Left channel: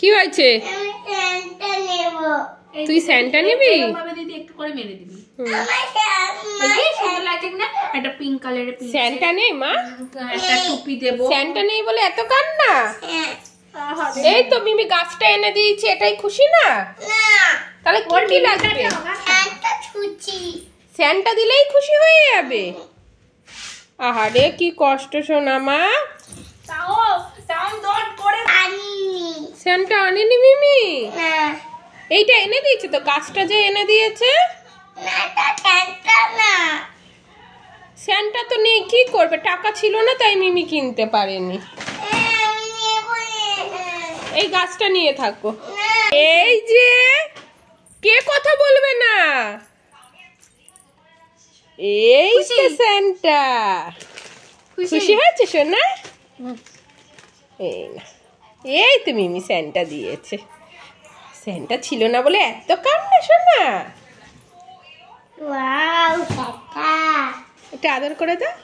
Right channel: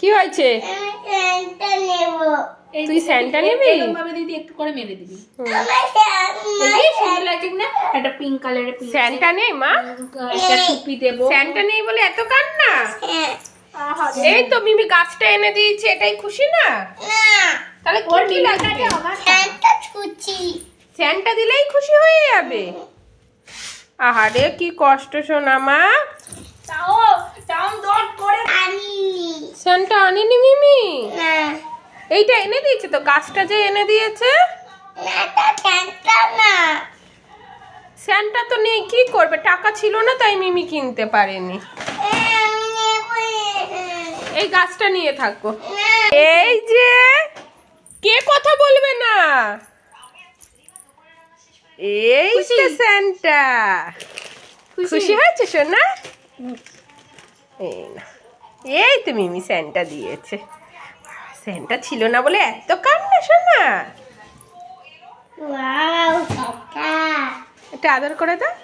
কি হয়েছে? তুই স্যান্টা নিবি? দিদি একটু করে মেরে দিবি। সুন্দর লাগছে না? একটা পিঙ্ক কালারের স্যান্টা নেই মা? একটা টুপি দেবো। স্যান্টা নেই বলে এত কান্না? এই তো মিমি গাছটা এনে দিয়েছে, এটাই খুশি না? তাহলে কি লাগবে? স্যান্টা দিলেই খুশি হয়ে যাবে? আহারে কি কষ্ট শোনা মা। স্যান্টা আনেনি মিমি? এইটা এনে দিয়েছে তো, গাছটা যে এনে দিয়েছে। স্যান্টা তো নেই, কি করবে? টাকা ছিল না তাই মিমি কিনতে পারেনি। এই গাছটা নিয়ে থাকো। এই যে কে কথা বলবে না? এই যে স্যান্টা। খুশি হয়েছে সোনা? এই না, এই তো মিমি স্যান্টা দিয়েছে। স্যান্টা ছিল না বলে এত কান্না সোনা। এটা আদর করে দাও।